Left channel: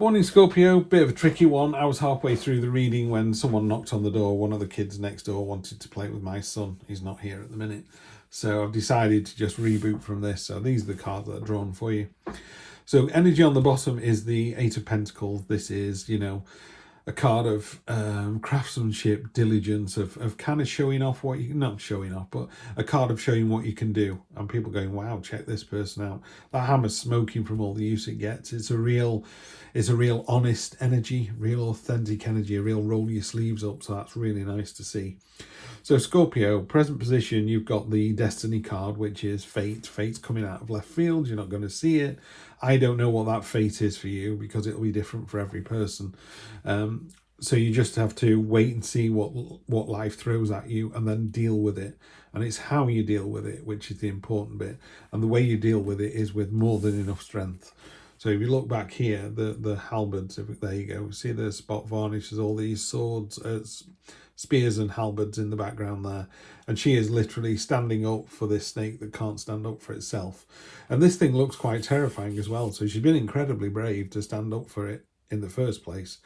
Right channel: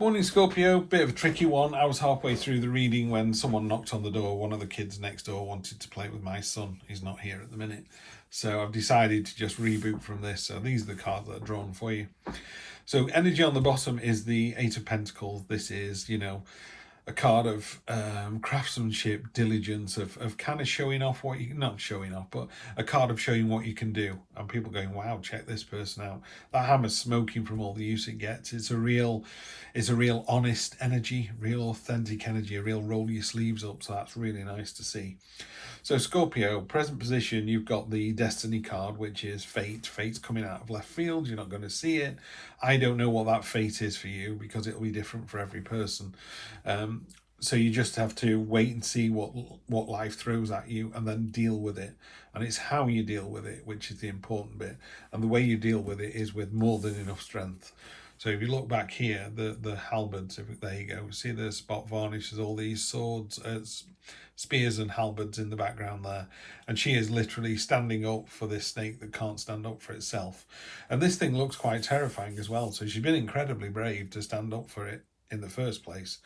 Morning Scorpio, bit of a tricky one. I was halfway through the reading when someone knocked on the door. One of the kids next door wanted to play with my son. He's not here at the minute. So I've decided to just reboot from this. So these are the cards that are drawn for you. So energy on the bottom is the Eight of Pentacles. This is, a card of craftsmanship, diligence, of kind of showing off what you, not showing off, but a card of showing what you can do. And people going, wow, check this person out. That hammer's smoking from all the use it gets. It's a real honest energy, real authentic energy, a real roll your sleeves up. So that's really nice to see. So Scorpio, present position, you've got the Destiny card, which is fate. Fate's coming out of left field. You're not going to see it. I don't know what that fate is for you because it'll be different for every person. So you just have to wait and see what life throws at you and then deal with it. And it's how you deal with it, which is the important bit. And the way you deal with it is with more than enough strength. So if you look back here, the halberds, there you go. See the spot varnish, there's all these swords, spears and halberds in the background there. And she is literally standing up for this snake that can't stand up for itself. And this thing looks quite terrifying as well. So she's been incredibly brave to stand up for it in the first place.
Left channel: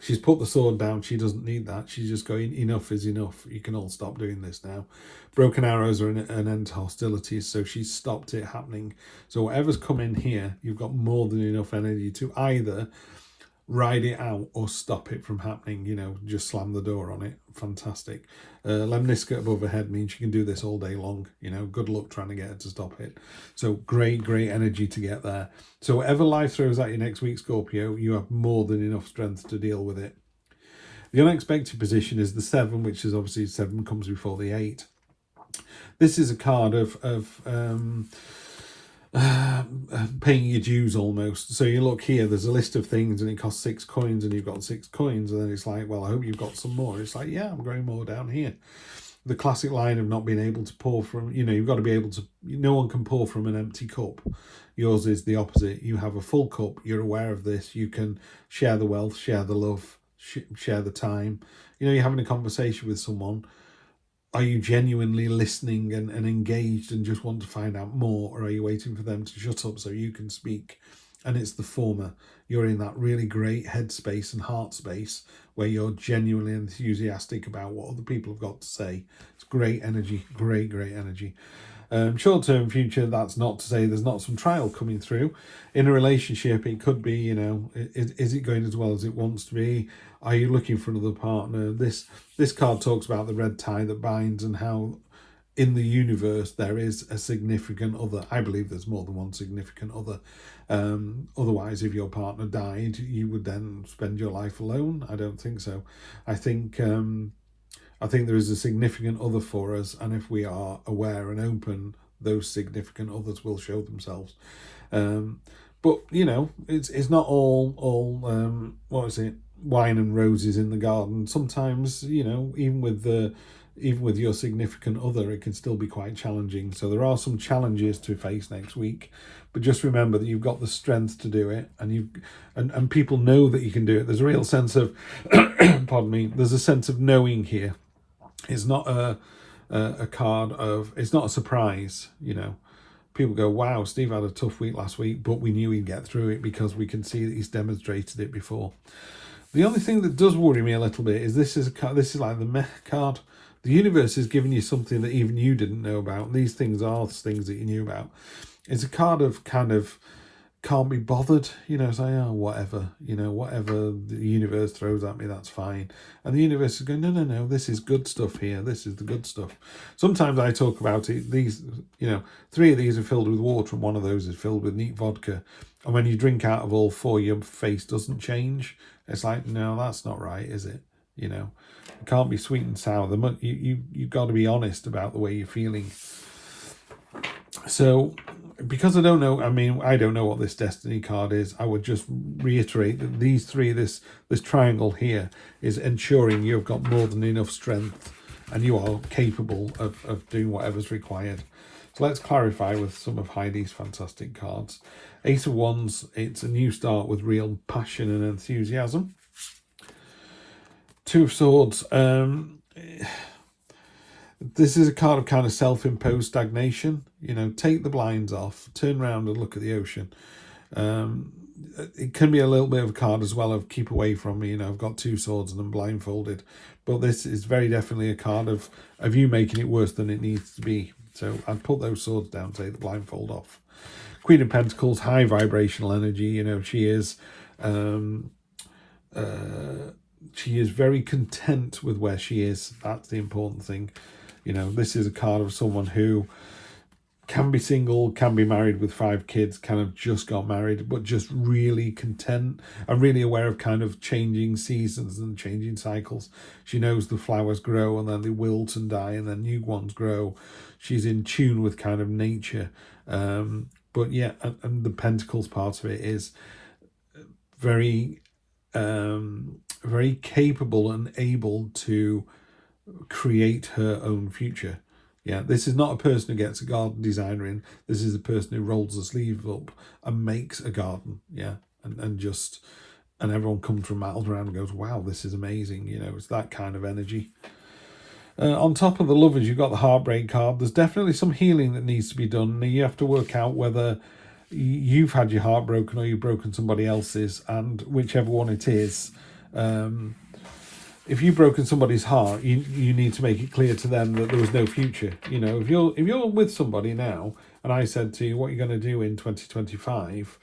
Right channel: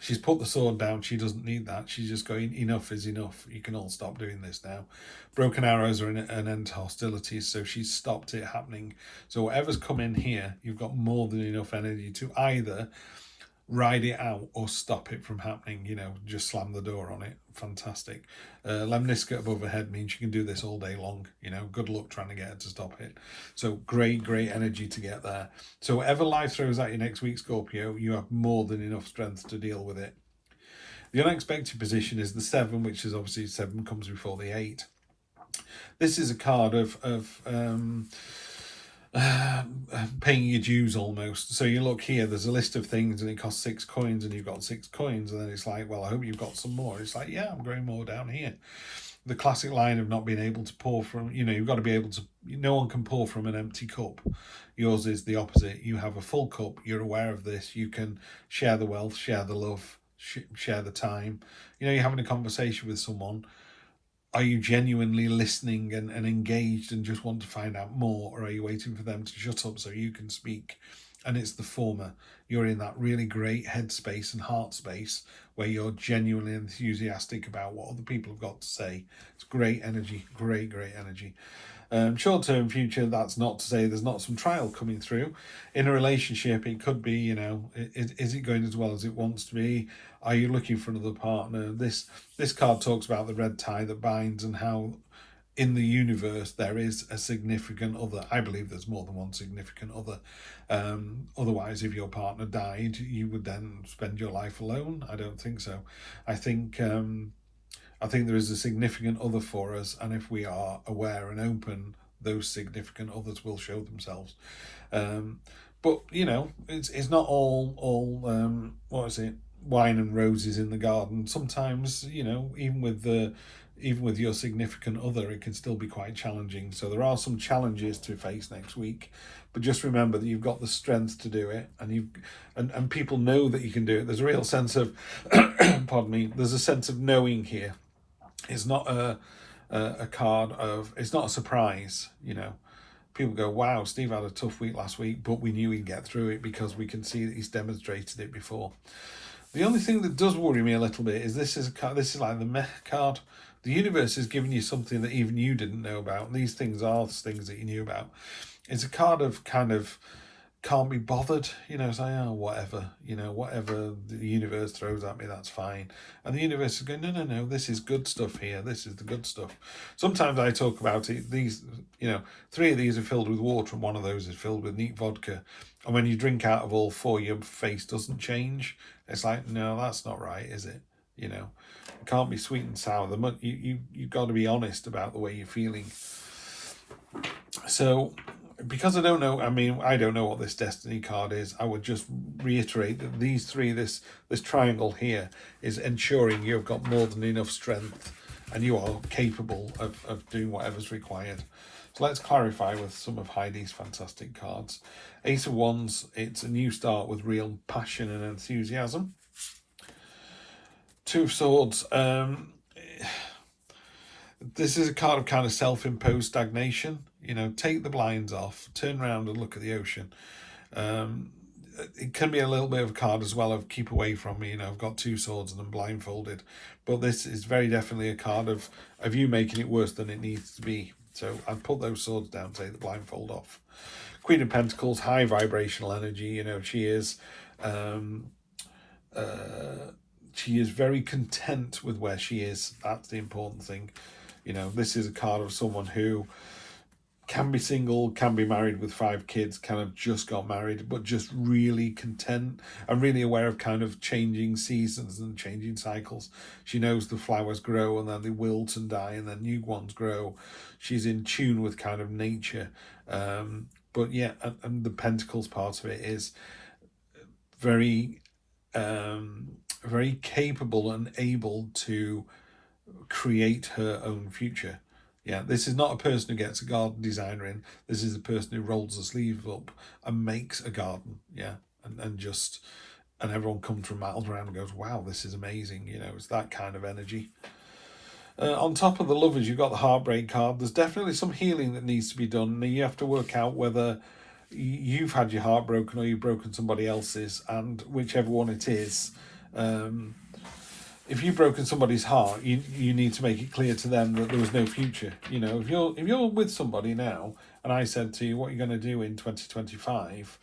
She's put the sword down. She doesn't need that. She's just going, enough is enough. You can all stop doing this now. Broken arrows are an end to hostilities, so she's stopped it happening. So whatever's come in here, you've got more than enough energy to either ride it out or stop it from happening, just slam the door on it. Fantastic. Lemniscate above her head means you can do this all day long. Good luck trying to get her to stop it. So great energy to get there. So whatever life throws at you next week, Scorpio, you have more than enough strength to deal with it. The unexpected position is the 7, which is obviously 7 comes before the 8. This is a card of paying your dues almost. So you look here, there's a list of things and it costs 6 coins and you've got 6 coins, and then it's like, well, I hope you've got some more. It's like, yeah, I'm going more down here. The classic line of not being able to pour from, you've got to be able to, no one can pour from an empty cup. Yours is the opposite. You have a full cup, you're aware of this, you can share the wealth, share the love, share the time. You're having a conversation with someone. Are you genuinely listening and engaged and just want to find out more, or are you waiting for them to shut up so you can speak? And it's the former. You're in that really great headspace and heart space where you're genuinely enthusiastic about what other people have got to say. It's great energy, great energy. Short-term future, that's not to say there's not some trial coming through. In a relationship, it could be, is it going as well as it wants to be? Are you looking for another partner? This card talks about the red tie that binds and how in the universe there is a significant other. I believe there's more than one significant other. Otherwise, if your partner died, you would then spend your life alone. I don't think so. I think there is a significant other for us, and if we are aware and open, those significant others will show themselves. But it's not all what is it? Wine and roses in the garden. Sometimes, even with your significant other, it can still be quite challenging. So there are some challenges to face next week, but just remember that you've got the strength to do it, and people know that you can do it. There's a real sense of pardon me, there's a sense of knowing here. It's not a card of, it's not a surprise. People go, wow, Steve had a tough week last week, but we knew he'd get through it because we can see that he's demonstrated it before. The only thing that does worry me a little bit is this is like the meh card. The universe is giving you something that even you didn't know about. These things are things that you knew about. It's a card of kind of can't be bothered, it's like, oh, whatever, whatever the universe throws at me, that's fine. And the universe is going, no, this is good stuff here. This is the good stuff. Sometimes I talk about it. These, 3 of these are filled with water and 1 of those is filled with neat vodka. And when you drink out of all 4, your face doesn't change. It's like, no, that's not right, is it? It can't be sweet and sour. You've got to be honest about the way you're feeling. So, because I don't know, I don't know what this Destiny card is, I would just reiterate that these 3, this triangle here, is ensuring you've got more than enough strength and you are capable of doing whatever's required. So let's clarify with some of Heidi's fantastic cards. Ace of Wands, it's a new start with real passion and enthusiasm. 2 of Swords, this is a card of kind of self-imposed stagnation. Take the blinds off, turn around and look at the ocean. it can be a little bit of a card as well of keep away from me. You know, I've got two swords and I'm blindfolded. But this is very definitely a card of you making it worse than it needs to be. So I'd put those swords down, take the blindfold off. Queen of Pentacles, high vibrational energy. You know, she is very content with where she is. That's the important thing. You know, this is a card of someone who can be single, can be married with 5 kids, kind of just got married, but just really content and really aware of kind of changing seasons and changing cycles. She knows the flowers grow and then they wilt and die and then new ones grow. She's in tune with kind of nature. But yeah, and the Pentacles part of it is very, very capable and able to create her own future. Yeah, this is not a person who gets a garden designer in. This is a person who rolls the sleeves up and makes a garden. Yeah, and everyone comes from rattled around and goes, wow, this is amazing. You know, it's that kind of energy. On top of the Lovers, you've got the Heartbreak card. There's definitely some healing that needs to be done. You have to work out whether you've had your heart broken or you've broken somebody else's, and whichever one it is. If you've broken somebody's heart, you need to make it clear to them that there was no future. You know, if you're with somebody now, and I said to you, what are you going to do in 2025?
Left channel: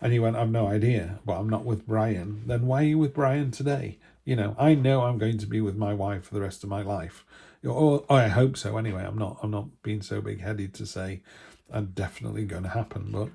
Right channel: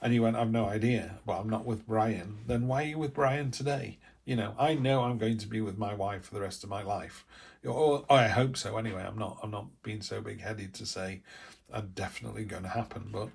And you went, I've no idea, but I'm not with Brian. Then why are you with Brian today? You know, I know I'm going to be with my wife for the rest of my life. Or I hope so anyway. I'm not being so big-headed to say I'm definitely going to happen. But,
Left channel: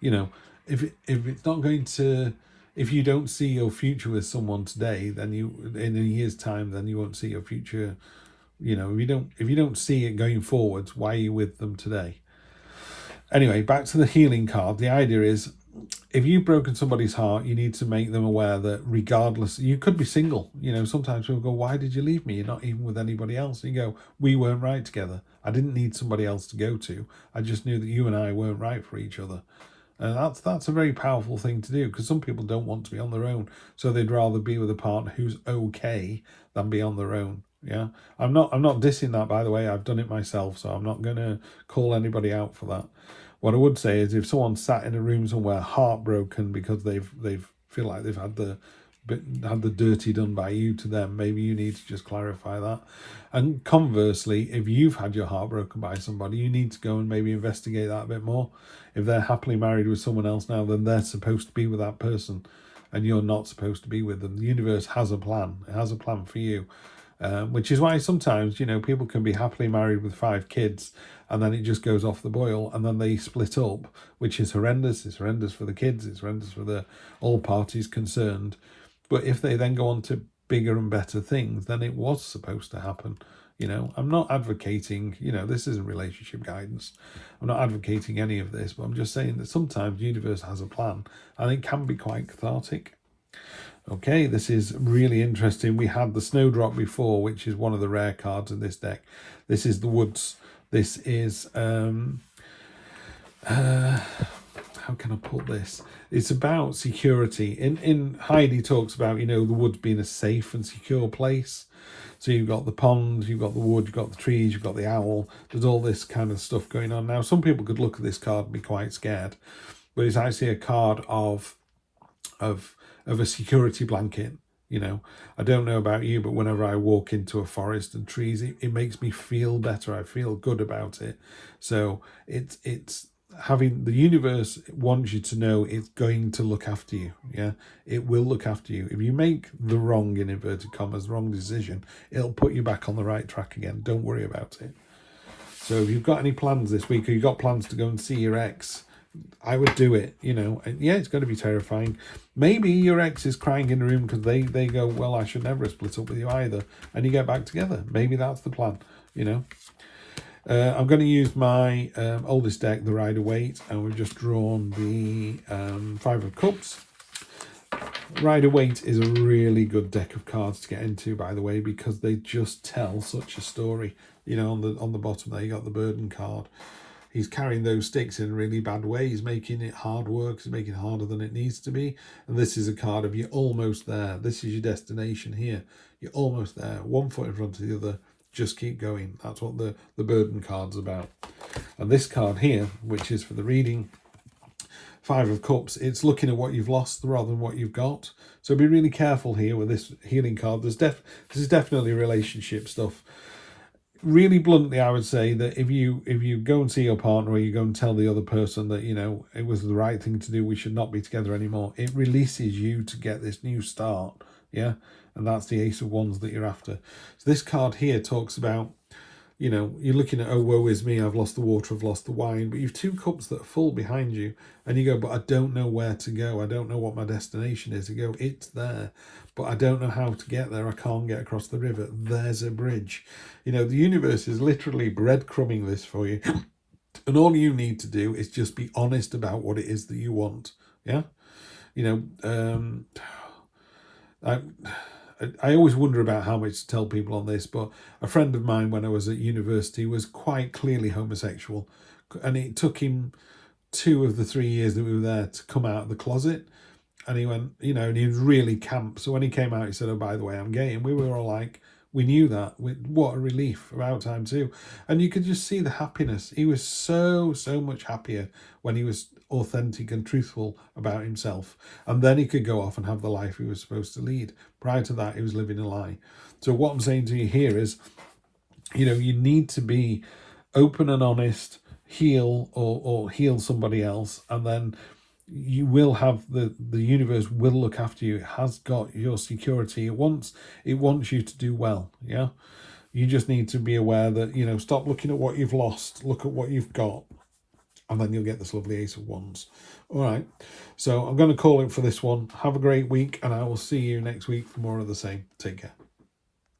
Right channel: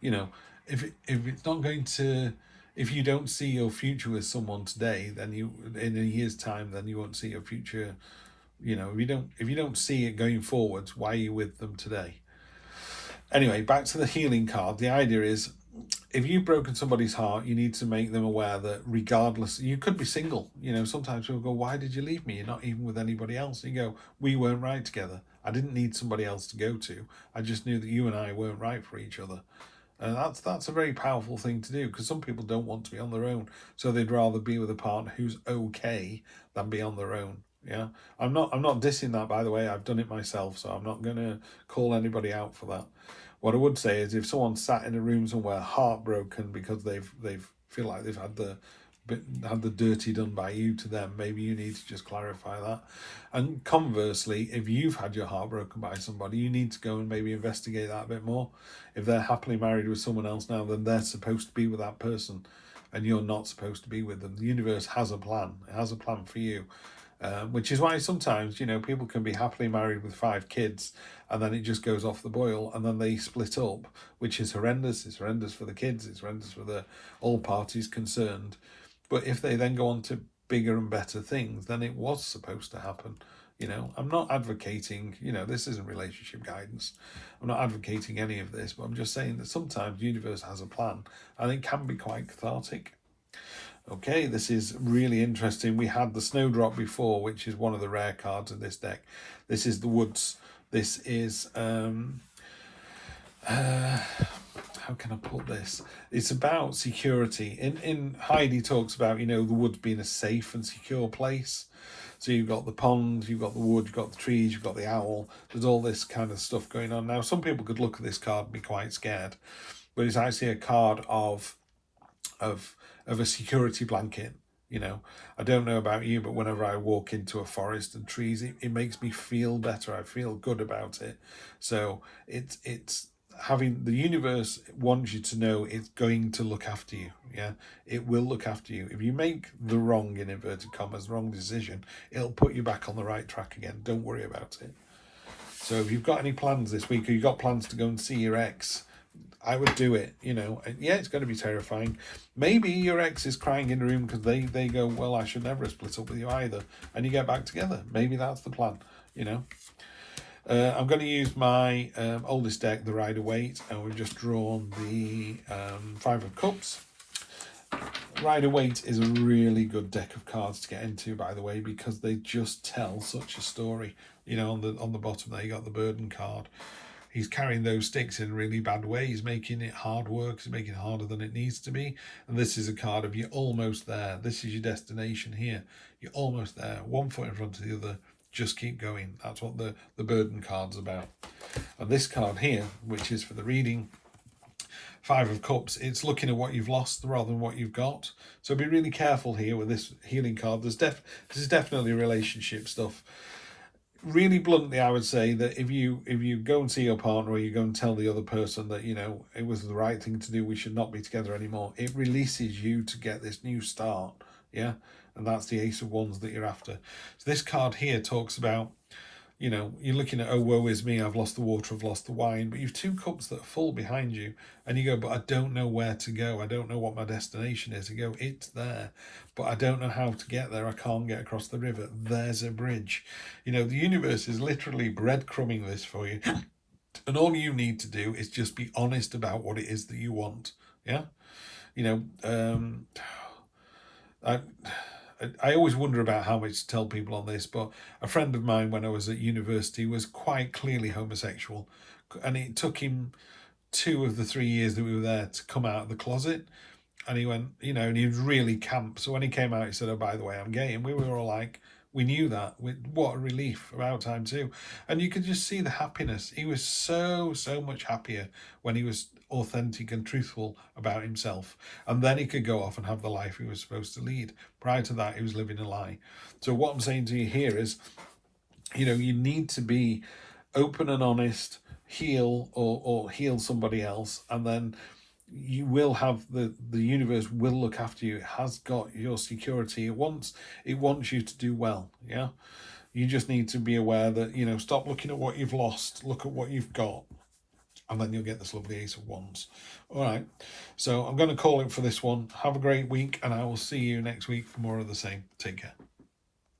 you know, if it's not going to... If you don't see your future with someone today, then you, in a year's time, then you won't see your future. You know, if you don't see it going forwards, why are you with them today? Anyway, back to the healing card. The idea is, if you've broken somebody's heart, you need to make them aware that regardless, you could be single. You know, sometimes people go, why did you leave me? You're not even with anybody else. And you go, we weren't right together. I didn't need somebody else to go to. I just knew that you and I weren't right for each other. And that's a very powerful thing to do, because some people don't want to be on their own, so they'd rather be with a partner who's okay than be on their own. Yeah, I'm not dissing that, by the way. I've done it myself, so I'm not going to call anybody out for that. What I would say is, if someone sat in a room somewhere heartbroken because they've feel like they've had the dirty done by you to them, maybe you need to just clarify that. And conversely, if you've had your heart broken by somebody, you need to go and maybe investigate that a bit more. If they're happily married with someone else now, then they're supposed to be with that person and you're not supposed to be with them. The universe has a plan. It has a plan for you, which is why sometimes, you know, people can be happily married with 5 kids and then it just goes off the boil and then they split up, which is horrendous. It's horrendous for the kids. It's horrendous for all parties concerned. But if they then go on to bigger and better things, then it was supposed to happen. You know, I'm not advocating, you know, this isn't relationship guidance. I'm not advocating any of this, but I'm just saying that sometimes the universe has a plan and it can be quite cathartic. Okay, this is really interesting. We had the Snowdrop before, which is one of the rare cards in this deck. This is the Woods. This is, how can I put this? It's about security. In Heidi talks about, you know, the woods being a safe and secure place. So you've got the pond, you've got the wood, you've got the trees, you've got the owl. There's all this kind of stuff going on. Now, some people could look at this card and be quite scared, but it's actually a card of a security blanket. You know, I don't know about you, but whenever I walk into a forest and trees, it makes me feel better. I feel good about it. So it's having, the universe wants you to know it's going to look after you. Yeah, it will look after you. If you make the wrong, in inverted commas, the wrong decision, it'll put you back on the right track again. Don't worry about it. So if you've got any plans this week, or you've got plans to go and see your ex, I would do it. You know, and yeah, it's going to be terrifying. Maybe your ex is crying in a room because they go, well, I should never have split up with you either, and you get back together. Maybe that's the plan. You know. I'm going to use my oldest deck, the Rider-Waite, and we've just drawn the 5 of Cups. Rider-Waite is a really good deck of cards to get into, by the way, because they just tell such a story. You know, on the bottom there, you got the Burden card. He's carrying those sticks in a really bad way. He's making it hard work. He's making it harder than it needs to be. And this is a card of you're almost there. This is your destination here. You're almost there. One foot in front of the other. Just keep going. That's what the Burden card's about. And this card here, which is for the reading, Five of Cups, it's looking at what you've lost rather than what you've got. So be really careful here with this healing card. This is definitely relationship stuff. Really bluntly, I would say that if you go and see your partner, or you go and tell the other person that, you know, it was the right thing to do, we should not be together anymore, it releases you to get this new start. Yeah, and that's the Ace of Wands that you're after. So this card here talks about, you know, you're looking at, oh, woe is me, I've lost the water, I've lost the wine, but you've two cups that are full behind you, and you go, but I don't know where to go, I don't know what my destination is. You go, it's there, but I don't know how to get there, I can't get across the river. There's a bridge. You know, the universe is literally breadcrumbing this for you, and all you need to do is just be honest about what it is that you want. Yeah, you know, I always wonder about how much to tell people on this, but a friend of mine when I was at university was quite clearly homosexual, and it took him 2 of the 3 years that we were there to come out of the closet. And he went, you know, and he was really camp. So when he came out, he said, oh, by the way, I'm gay. And we were all like, we knew that. What a relief, about time too. And you could just see the happiness. He was so much happier when he was authentic and truthful about himself. And then he could go off and have the life he was supposed to lead. Prior to that, he was living a lie. So what I'm saying to you here is, you know, you need to be open and honest, heal or heal somebody else, and then you will have the universe will look after you. It has got your security. It wants you to do well. Yeah, you just need to be aware that, you know, stop looking at what you've lost, look at what you've got, and then you'll get this lovely Ace of Wands. All right, so I'm going to call it for this one. Have a great week, and I will see you next week for more of the same. Take care.